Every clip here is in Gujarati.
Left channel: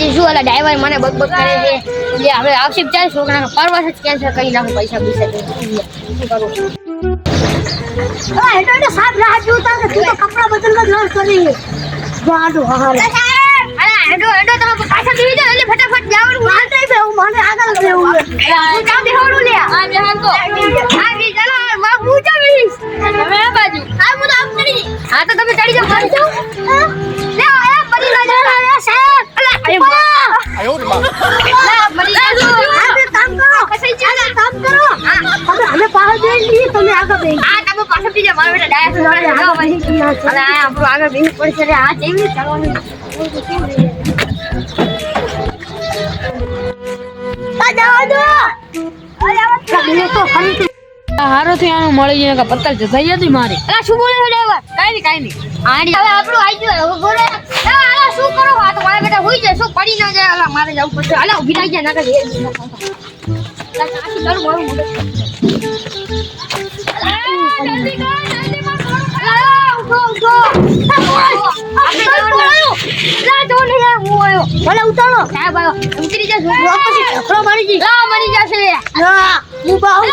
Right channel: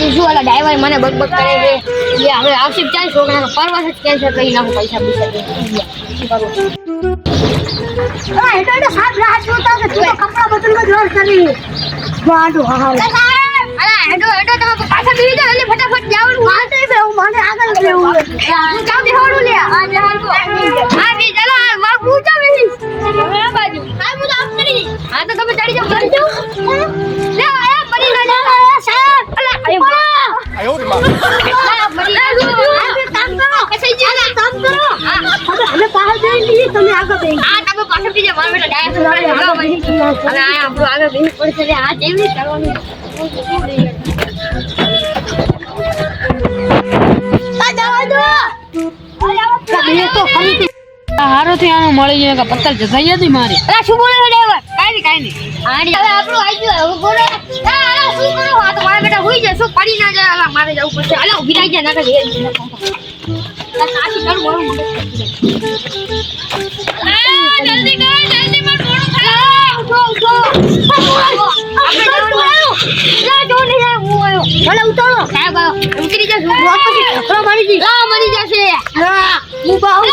આજે શું ઓલા ડ્રાઈવર મને બકબક કરે છે કે હવે આવશે ચાલ છોકરાનો પરવાસ જ કેન્સલ કરી નાખું પૈસા શું કરું એટલે સાહેબ રાહ જોતા કે તું તો કપડા બદલવા જ લડ કરી ગાડો હા હેડો તમે પાછા બેસી જાઓ એટલે ફટાફટ જાવનું માથે બેહું મને આગળ બેહું હું કામ બેહવાનું લે હા બેહાન તો હા બી ચાલો માં પૂછા બેહીશ આ બાજુ હા હું તો આપ કરી હા તો તમે ચડી જાઓ લે આયા બની ના જાઓ સાહેબ આયો રે માં લે બની ના જાઓ આ કામ કરો કસઈ જા કામ કરો હવે અમે પાછળ બેહી લઈએ તમે આગળ બેહી આ તમે પાછા બીજા મારા બેટા ડાયા તો અરે આ આપણો આગળ બેહી પડશે રે આ જેવી ચાલવાનું હારો થી આનું મળી જાય કે પત્તર જઈ હતી મારી. અલા શું બોલે ડ્રાઈવર કાઈ નહીં આડી હવે આપણું આવી ગયું હવે બોલે અલા શું કરો આ તો મારા બેટા હોઈ જાય શું પડી ના જાય અલા મારે જવું પડશે અલા ઊભી રહી જાય ના કે સાચી કરું મારું જલ્દી કર જલ્દી માર કોણ અલા ઉઠો લા જો ને હું આયો ભલે ઉતારો સાહેબ ઉતરી જા પછી ઠકરો મારી જી લા મરી જશે હા હું બાહુ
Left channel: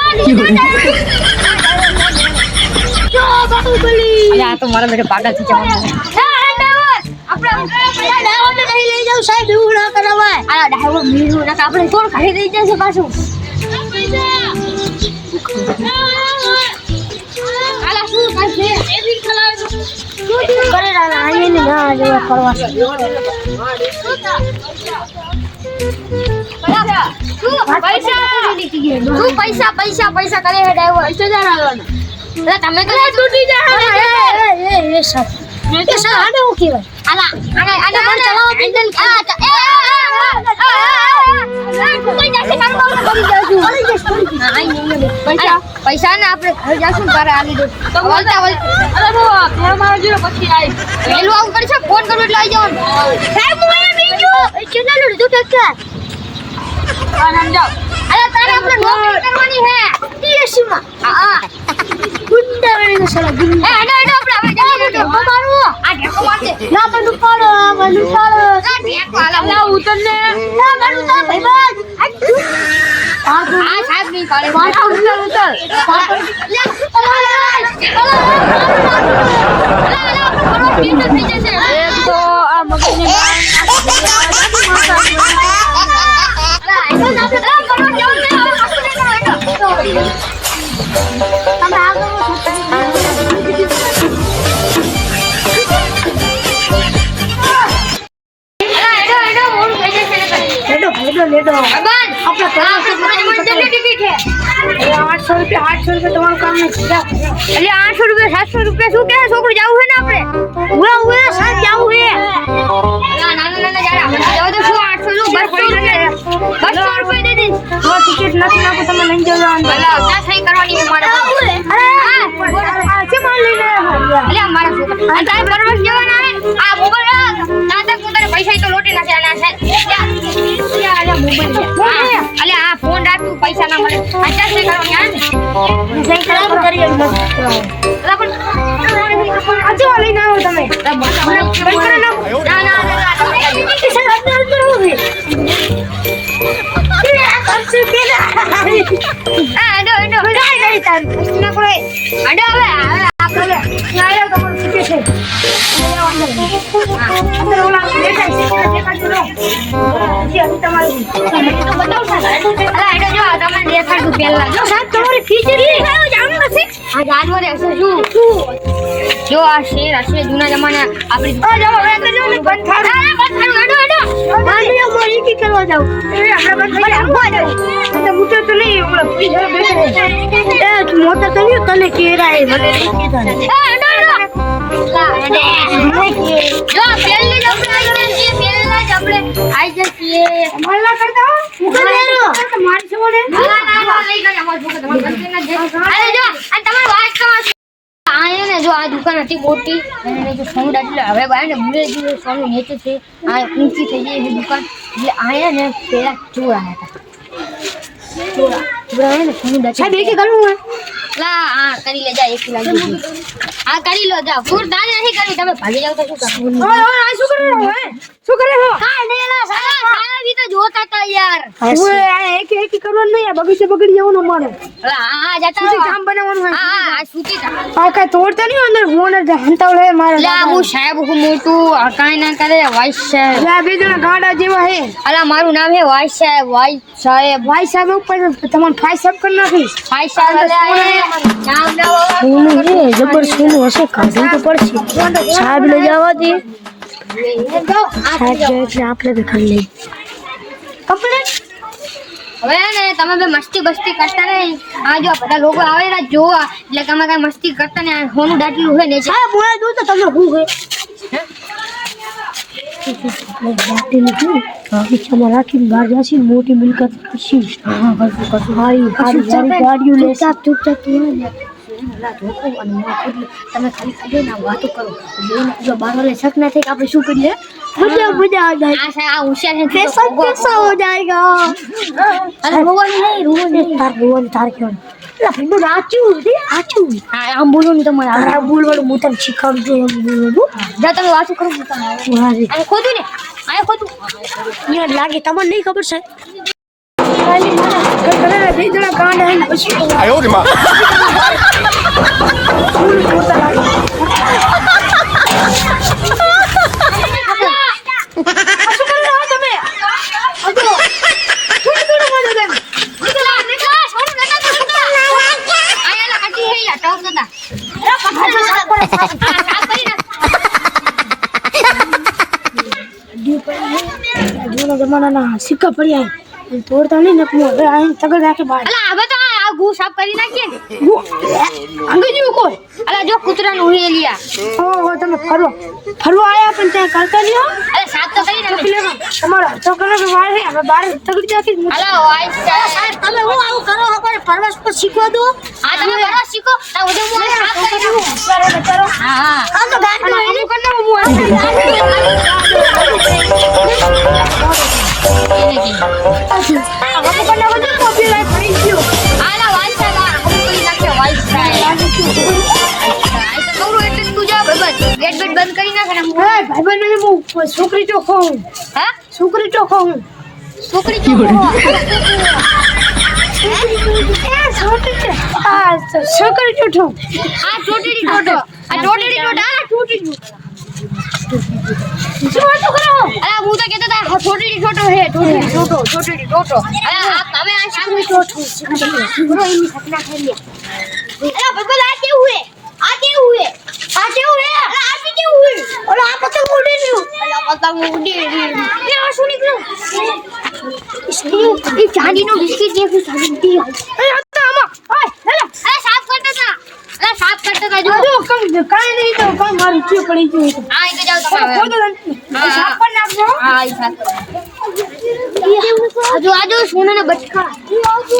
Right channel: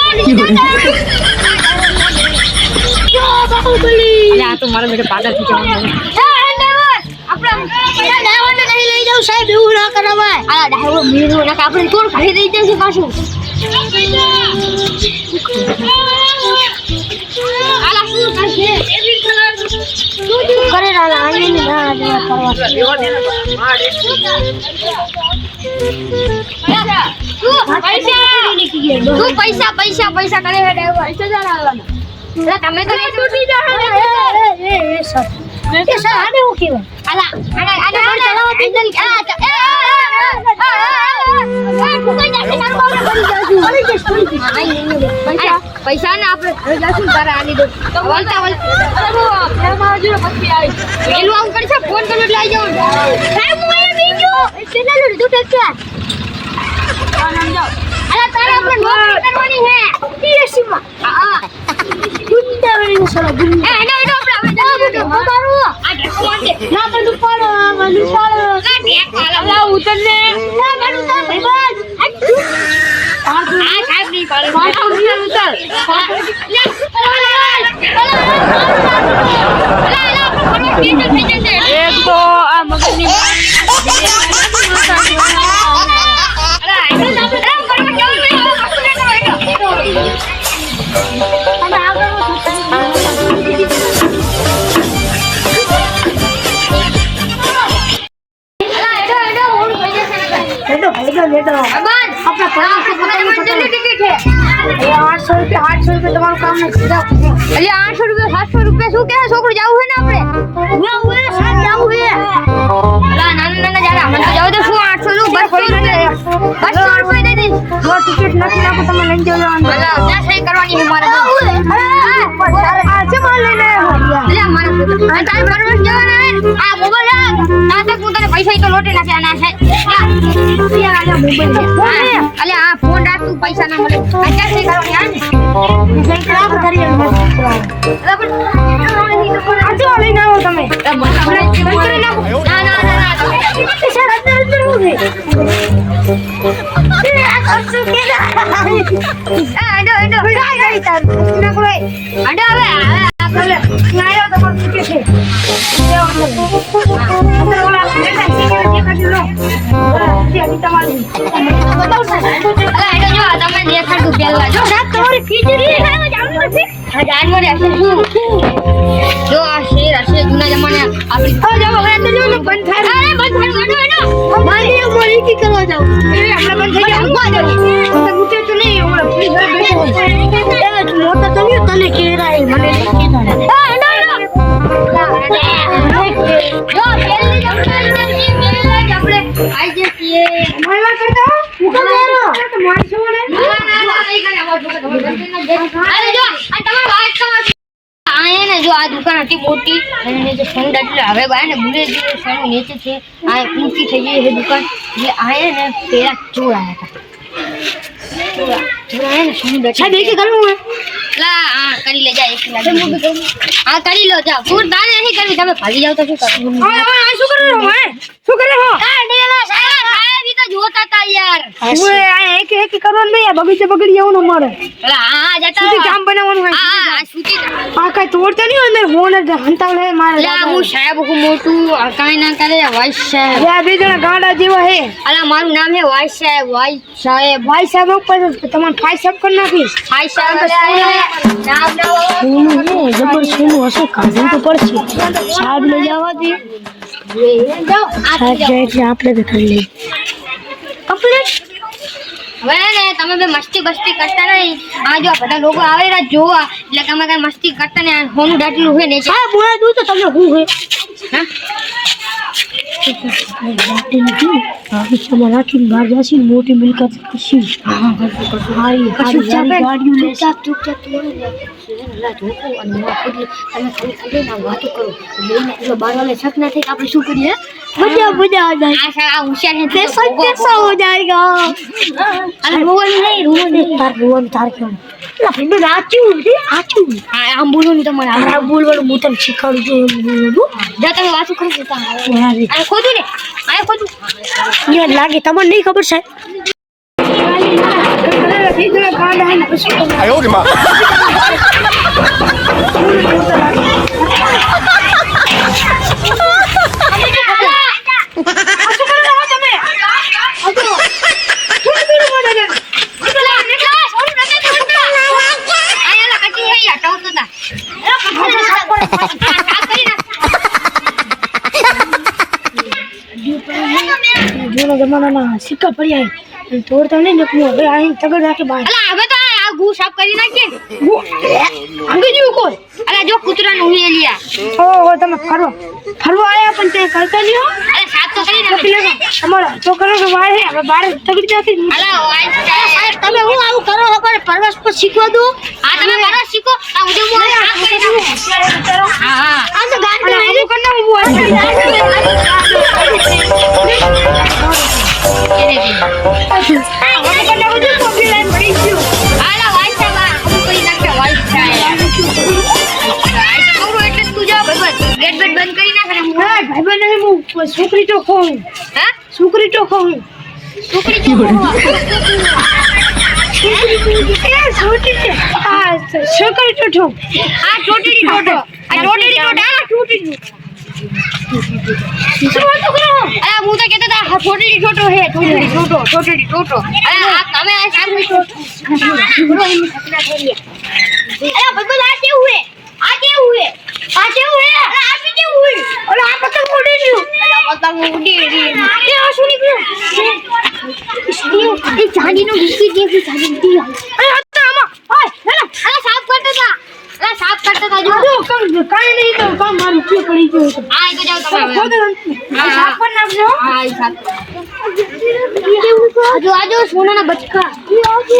બાહુબલી આ તો મારા બેટા પાગલ થઈ જવાનું ડ્રાઈવર આપણે ડ્રાઈવર ને નહીં લઈ જાવ સાહેબ એવું ના કરાવાય આ ડ્રાઈવર મીરું ના આપણે કોણ ઘરે દઈ જશે પાછું આલા શું કરશે એવી ખલાસ કરે રાલા આને ના જવા કરવા પૈસા કરે હે ડ્રાઈવર પૈસા જાર આવવાના તમે તો તૂટી જાય એ સર કે સર આને હું કહેવાય આલા આને પણ ચલાવો પેન્ડલ પૈસા ને આપણે ઘરે જાશું તારા આલી દો બોલતા પછી આવી પેલું આવું કરશે ફોન કરું એટલે આવી જાવ સાહેબ હું અહીંયા બીજો ચેનલ લીધું ટેક્ટર સમજાવ અરે તારે આપણે નોકરી કરવાની હે ટીએસસી માં હા ગુંડાવાળી સર ગુંડા એ એનો આપણે હવે જાવ મારું આ ઢેકો માર દે ના બંદુ પાડો આ ઢેકો આલા ઉતર ને ના બંદુ તા ભાઈબંધ આ સાહેબ નહીં પાડે ઉતર એક તો આ મગજની તમે આગળ લેડો આપણે 800 રૂપિયા તમારું કામ નથી એટલે 800 રૂપિયા 700 રૂપિયા શું કહે છોકરું જાવું હે ને આપણે ઉવે સાહેબ જાવું હે નાના જાડા મને જાવ તો શું 800 નું 200 રૂપિયા દે દે જો ટિકિટ નથી નાખો તમે લઈ જવાનું ભલા ક્યાં સહી કરવાની હે મારે છે બોલ લઈને એટલે મારે આ ટાઈમ પરવશ જવાના હે આ મોબાઈલ આ તક હું તને પૈસા તો લોટી નાખે અને આ સાહેબ મોબાઈલ અલે આ ફોન રાખ તું પૈસા ના મળે આ ક્યાં સહી કરવાની આ ને સહી કરાવ કરીએ આજે લઈને આવો તમે બંધ કરી નાખો જો આ શેર હશે જૂના જમાના આપણી કરવા જાવ મોટો તો નહીં મોટો તો નહીં તને કેરાય મને કીધા જો પેલી આપણે આઈ જઈએ મળવા કરતા ઉગલ લેરો મારી છોડે જો આ દુકાન હતી મોટી અને જે સોનું એટલે હવે ભાઈ ને બુરે જે સોનું નીચે છે આ ઊંચી થઈ ગઈ છે દુકાન એટલે આયા ને પેલા ચોર આયા હતા ચોર આયા ને સોનું સાહેબ એક કરવું હે લા આ કરી લે જા એક લાગી આ કરી લો જાઓ પૂર દાન નહીં કરવી તમે ભાગી જાવ તો શું કરો શું કરે શું કરે કાઈ નહીં લા સાહેબ ઈ તો જોતા તા યાર હું આ એક કરવાનું નહીં આ બગીચે બગડી જવાનું મારે લા હા જતા શું કામ બનાવવાનું હોય હા છૂટી જા આ કાઈ તોડતા નહીં અંદર હોનર હંતાવળ હે મારા લા હું સાહેબ હું મોટું આ કાઈ ના કરે વાઈસ સાહેબ યા બે જણા ગાંડા જેવા હે અલા મારું નામ હે વાઈસ સાહેબ ભાઈ સાહેબ ઉપર તમને ફાઈ સાહેબ કરી નાખીશ વાઈસ સાહેબ નામ ના સોનું હે જબર સોનું હશે કાઢવું તો પડશે સાહેબ લઈ જવા દે જાઓ સાહેબ જાય એટલે આપણે બી કરી લઈએ કમ્પ્લીટ હવે ને તમે બે મસ્તી બસ્તી કરતા નહીં આ જો બધા લોકો આવેલા જોવા એટલે તમે કઈ મસ્તી કરતા ને આ હોનું દાટલું હોય ને સાહેબ બોલે દઉં તો તમને હું હે ખિસ્સામાં રાખીને બહાર જશી મોટી મિલકત કરશી હા કરશું હારી ગાડીઓ લે ચૂપચાપ તમે ખાલી ના વાતો કરો બેન જો બારવાલે શક ના થાય કે આપણે શું કરીએ મજા આ જાય આ સા હોશિયાર છે कैसा हो जाएगा અરે રોવાનું તાર રોવાનું તાર કેવાનું લા ફિંડો આચું આમ બોલો ને તમારે આ બોલવાનું હું તને શીખવાડું છું એમ બોલવાનું જા તમે વાતો કરો આ ખોદું ને આ ખોદું યાર લાગે તમને નહીં ખબર સાહેબ哎呦我的妈！ જૂના જમાનાના સિક્કા પડ્યા છે તોડતા નહીં ને હવે અહીં તગડ રાખે બહાર અલા હવે તો આ ગુ સાફ કરી નાખીએ ને આગળ જેવું કોણ અલા જો કૂતરાનું ઉહેલિયા ઓહો તમે ફરવા આયા પણ ત્યાં કરતા નહીં હો અલા સાફ તો કરી તો પેલે તમારો તો કરે કે બહાર હે હવે બહાર તગડી નાખી અલા વાઈસ સાહેબ તમે હું આવું કરો હો પર પરવાસ પર શીખવા દો આ તમે કરો શીખો તા ઉડે હું સાફ કરી નાખું હા હા આ તો ગાડી હું કરના હું આલા વાઈસ સાહેબ હું કરી નાખ્યો વાઈસ સાહેબ ગેટ બેટ બંધ કરી નાખ ને ભાઈબંધ નહીં હું છોકરી ચોખ્ખો હું હા છોકરી ચોખ્ખો હું છોકરી છોકરી છોટી છે આ છોકરી ચોઠો આ ચોટીડી ટોટો આ ચોટીડી ટોટા આ ચોટીડી શું વાતો કરો અલા હું તો કહેતો હતા ચોટીડી ટોટો હે ચોટીડી ટોટો અરે આ તમે આ છોકરી ટોટો બરો એની સપના ખેલિયા અલા બબલ આ કેવું હે આ કેવું હે અલા આ બી કેવું હે ઓલા આ પતંગ ઉડી ગયું અલા પતંગ ઉડી ગઈ એ આ શું નીકળ્યું એ ચાંદીનો બિસ્કિટ જેવું ચાંદી દી અરે આમાં ઓય હેલા અલા સાફ કરતા હતા જો કાઈ નહીં તો કામ મારું ચૂ પડી ગયું છે આ તો જાવ તમે ખોદો સાફ કરી નાખજો હા ઈ સાફ આજો સોનાના બચકા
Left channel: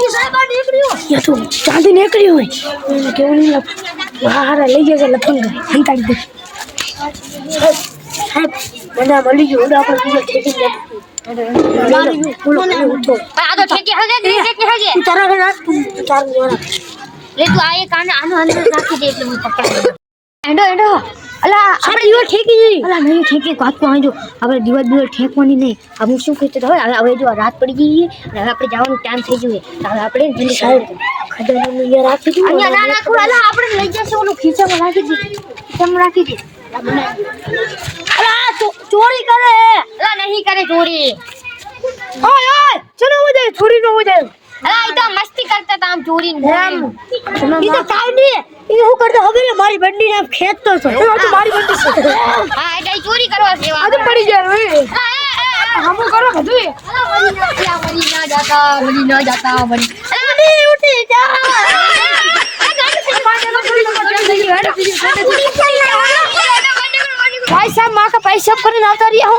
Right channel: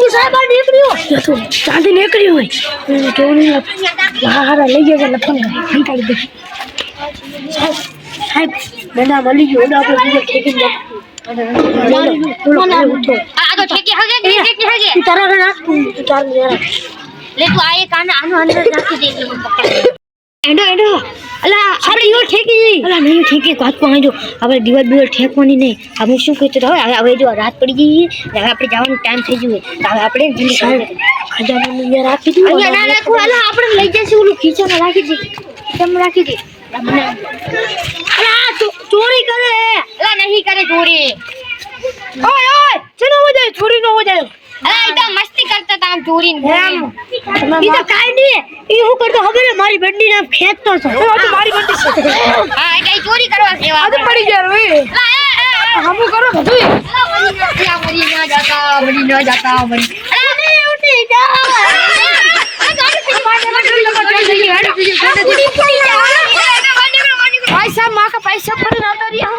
સાહેબ આ નીકળ્યો યા તો ચાંદી નીકળી હોય એને કેવું નહીં હારા લઈ ગયા છે લફન કરે સંતાડી દે સાહેબ મને મળી ગયું ઓડા આપણે બીજા ઠેકી દે બોલો ઉઠો આ તો ઠેકી હગે તું તારા ઘરે રાખ તું તારા ઘરે રાખ લે તું આ એક આનો અંદર નાખી દે એટલે મને પકડાય એંડો અલા આપણે દીવાલ ઠેકી જઈ અલા નહીં ઠેકે વાત પર આજો આપણે દીવાલ ઠેકવાની નહીં હવે શું કહેતો હવે જો રાત પડી ગઈ હવે આપણે જવાનો ટાઈમ થઈ ગયો હવે આપણે જલ્દી સાહેબ ખજાનાનું અહીંયા રાખી દઉં અહીંયા ના રાખો અલા આપણે લઈ જશે ઓલું ખીચામાં રાખી દે મને અલા ચોરી કરે અલા નહીં કરે ચોરી ઓય ચલો હો જાય ચોરી નો હો જાય અલા ઈ તો મસ્તી કરતા હતા આમ ચોરીને ઈ તો કાઈ નહીં ઈ હું કરતો ખબર હે મારી બંડી નામ ખેંચતો છે ઓ તો મારી બંડી છે હા એટલે ચોરી કરવા છે આ તો પડી જાય હવે હમો કરો બધું મરી ના જાતા ઉઠી જા पैसा माँ का पैसा पर आता रही हो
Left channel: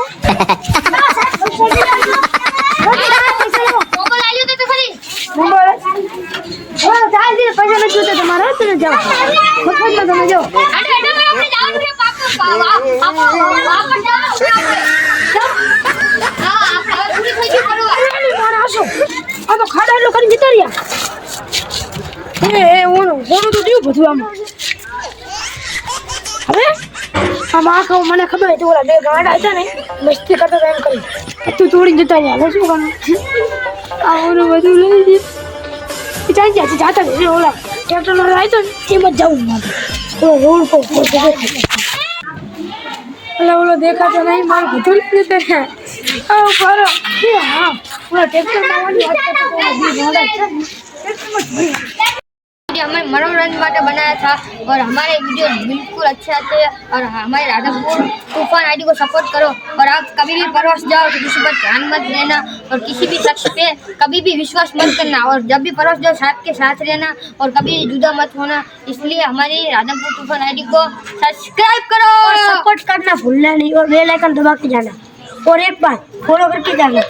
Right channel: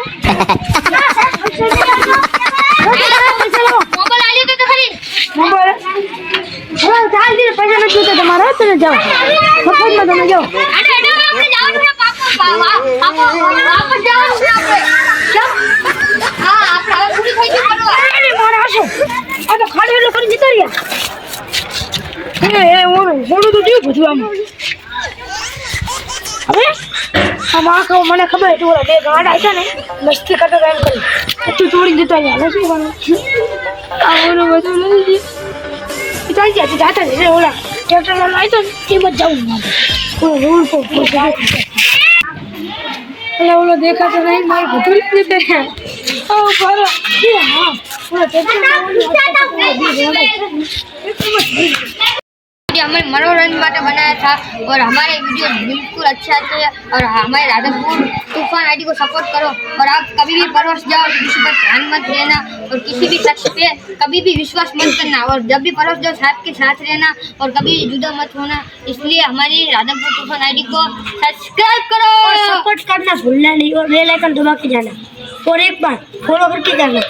મોબાઈલ આલ્યો તો ખરી मोबाइल हाँ चाल दिन पैसा नहीं छूटे तुम्हारे तेरे जाओ खुद में तुम्हें जाओ અડે આપણે જાવ ને પાપા વાપસ જાવ હા આપણે હવે પૂરી થઈ ગઈ કરવા अरे मारा शो अब खाड़े लोग कर जिता रिया ए वो મોડું તો થયું બધું આમ હવે આમ આખો મને ખબર હતી ઓલા બે ગાંડા હતા ને મસ્તી કરતા હતા એમ કરી તું તોડીને જતા રહ્યા હવે શું કરવાનું આ ઓલું બધું લઈ લે. એ ચાલી જાય જાતા જ ઓલા ટ્રેક્ટર વાળો આવ્યો ને એમ જ જવું મારે ઓલો રોડ પર ઓલો દેખાતો નહીં મારું બધું લઈ જતા રહ્યા આવું કરો હા ઓલા ટ્રેક્ટર વાળાની વાત કરતા હતા, બે ગાંડા છે ને ટ્રેક્ટરમાં જ ભરી. ये हमें मनोरंजन માટે बनाया था और हमारे वीडियो बिल्कुल अच्छा थे और हमारे राधनपुर तूफान आईडी को सपोर्ट करो और आप कभी भी परवश जाओ तो किसी पर ध्यान मत देना और किसी भी शख्स पे कभी भी विश्वास मत करना और जब भी परवश जाओ साथ के साथ रहना और कभी जुदा मत होना इसलिए हमारी राधनपुर तूफान आईडी को सब्सक्राइब करो और सपोर्ट करना भूलना नहीं और बेल आइकन दबा के जाना और एक बार फॉलो करके जाना।